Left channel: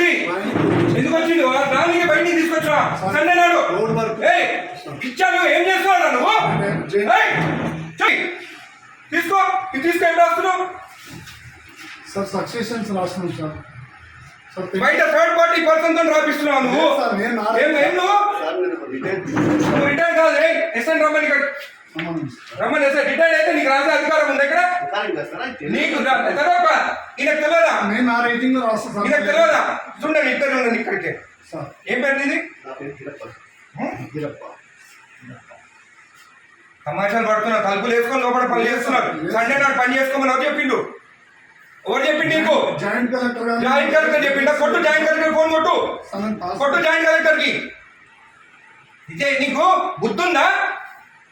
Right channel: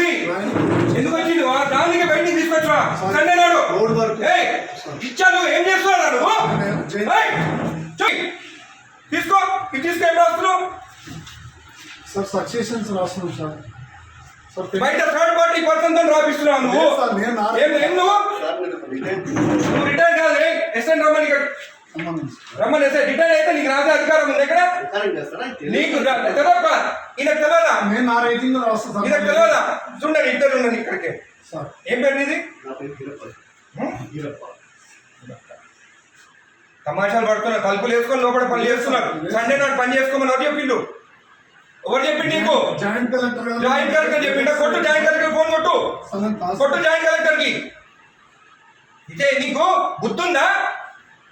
he? ఎందుకు వచ్చిండు? దానికి బయటికి తీసుకొచ్చా సండే నాడు? ఇచ్చాను ఏం చేస్తున్నావు నువ్వు. తీసుకో ఇది తీసుకో ఏం రాస్తున్నావు? సార్ సక్సెషన్స్ రాస్తున్నాం సార్. సార్ బయట థర్డ్ పార్టీ పర్సన్తో రాపిస్తున్నావు నువ్వు? ఏం నువ్వు? రిటైర్ కాదు ఎస్ఎన్ రమ్మని. రమ్మని ఎస్ఐ రిటైర్ అయితే నీకు రాసే అధికారం ఉంది ఇక్కడ నీకు తెలియక ఈయనకు తెలియదా నేను నా రేటింగ్ రాస్తాను ఈయనకు తెలియదా చూడండి ఇద్దరు ఉండండి ఇక్కడికి. సార్. ఏం పేరు హ్మ్? తమాషాలు పడుతున్నారు తలుపులు వేసుకొని లోపల పని చేస్తున్నారు. సండే నాడు పని చేసుకోమని ఎవరు చెప్పిండు? ఎవరు చెప్పిండు నీకు? జాయింట్ కలెక్టర్ జాయింట్ కలెక్టర్ చెప్పిండా? కొట్టు జాయింట్ కలెక్టర్ ఫోన్ కొట్టు. కొట్టు జాయింట్ కలెక్టర్కి. ఇదే నీకు బుద్ధుందా?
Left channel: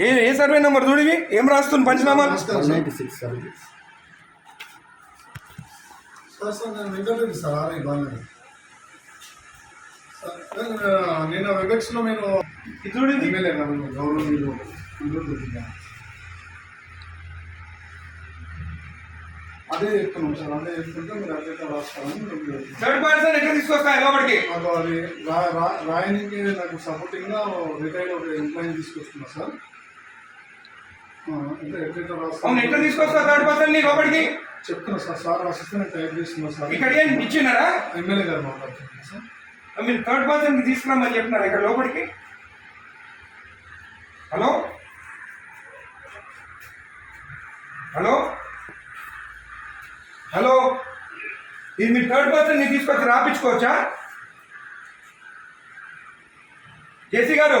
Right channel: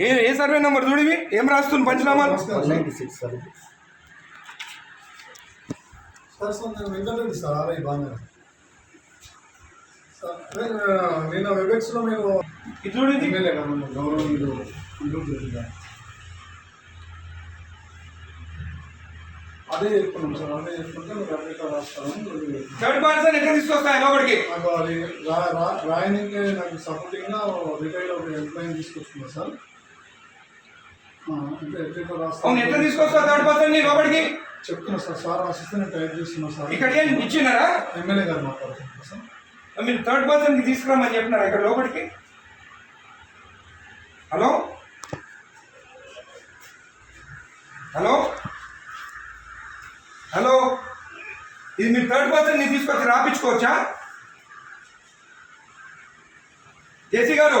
ఏ ఏ సర్వే నెంబర్ చూడు ఇవి? ఏం రాస్తుంది పంచనామాలు? నిన్న వెబెక్స్లో నేను ఇది గౌరవనీయులు. అదే చెప్తున్నాం సార్ చెప్తుంటే మీరు రాస్తాను మీరు థర్డ్ పర్సన్ ఎట్లా తీసుకొస్తాయి లోపలికి. నాకు అది రా- రాయనికి నాకు సపోర్టింగ్గా రిటైల్ ఒక ఎంప్లాయీని తీసుకొస్తున్నా సార్ ఆ, అంటే ఎట్లా రాస్తాను అవును ఎట్లా తీసుకొస్తావు థర్డ్ పర్సన్ని లోపలికి చెప్తున్నా సార్ సార్ టైప్ చేస్తున్నా సార్. ఇక్కడ ఏం ఇచ్చినారా? ఎమ్మెల్యే గారు మాట్లాడుతున్నా సార్. మీరు థర్డ్ పర్సన్కి తీసుకురమ్మని చెప్పినారా ఇక్కడ లోపలికి? హలో? హలో? హలో? ఇది మీరు థర్డ్ పర్సన్ తీసుకొచ్చి రాపించుకోవచ్చా? జేసీ గారు?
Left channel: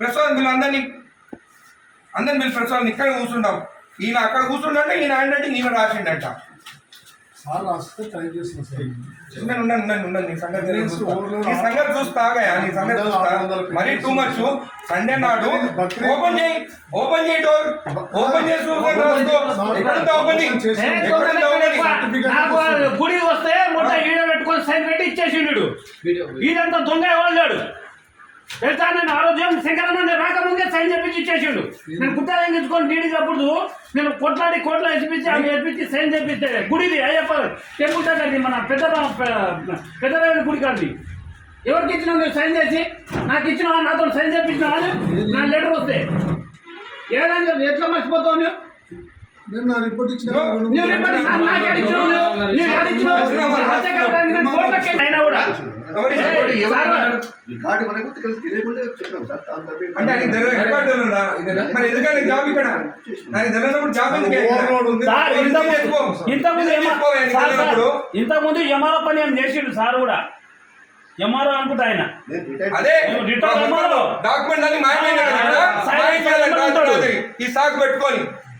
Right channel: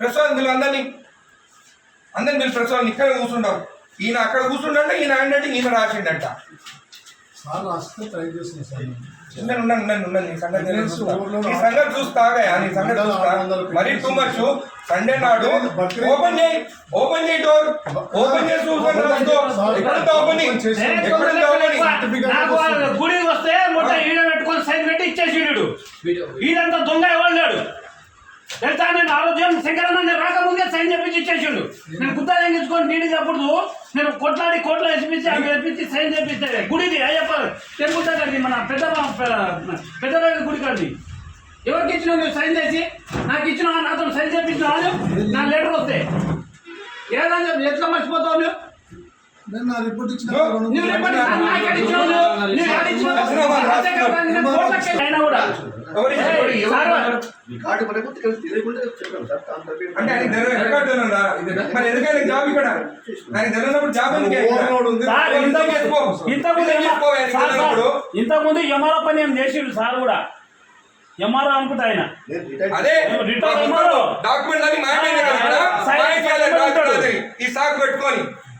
Prasad మీరు అందరినీ అందరిని మీరు ప్రసాద్ ఇక్కడ కూర్చుంటాం. ఈయన అక్కడ కూర్చుండంటే ఈయన ఏంటంటే ఈయన రాసిండంట. సార్ రాస్తే ట్రై సార్. నీ సంగతి నీ చూస్తాగా నీ సంగతి చూస్తా. మరీ టూ మచ్ సండే నాడు ఓపెన్ చేయి ఓపెన్ చేయి డోర్ ఓపెన్ చేసి ఓపెనింగ్ నాకు గుడికి వస్తే మొత్తం ఈడ పెట్టుకొని సైన్ పెట్టి ఇచ్చేసిండు. ఈడంతా దొంగ ఎవరు తెలుసా నేను ఆరోగ్యం శంకరన్న రాకముందే సైన్ చేపించి ఇచ్చేసిండు. నేను గుత్తా తెంగించుకొని నీడి అప్పుడు నేను కొట్లాడి కోట్ల వేసిపించి అవి వేసిపించి సైన్ చేపిస్తే గుడిది అయ్యప్ప టెంపుల్ దగ్గరది మన పెద్ద పెద్ద గుడి కాదు ఎవరికి ఇచ్చిన నువ్వు సైన్ చేసి? నాకు ఇచ్చిన నాతో సైన్ చేపించినావా? నా లెటర్ వస్తే. ఏదని చెప్పి ఎట్లా మర్చిపోతావు నువ్వు? నేను నా రిపోర్ట్ ఇచ్చిన. ఇంతకుముందు ఎంఆర్ఓ పని ఏం చేసిండు సార్ కూడా? ఎంఆర్ఓ అనుకుంటా ఆయన. అదే. డాక్యుమెంట్ ఈ సాకు పెట్టుకొని.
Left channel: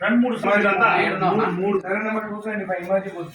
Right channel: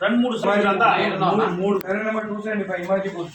రెండు మూడు మూడు సరే నెంబర్ టూ సెవెంటీ ఫైవ్ ఇమాజిబుల్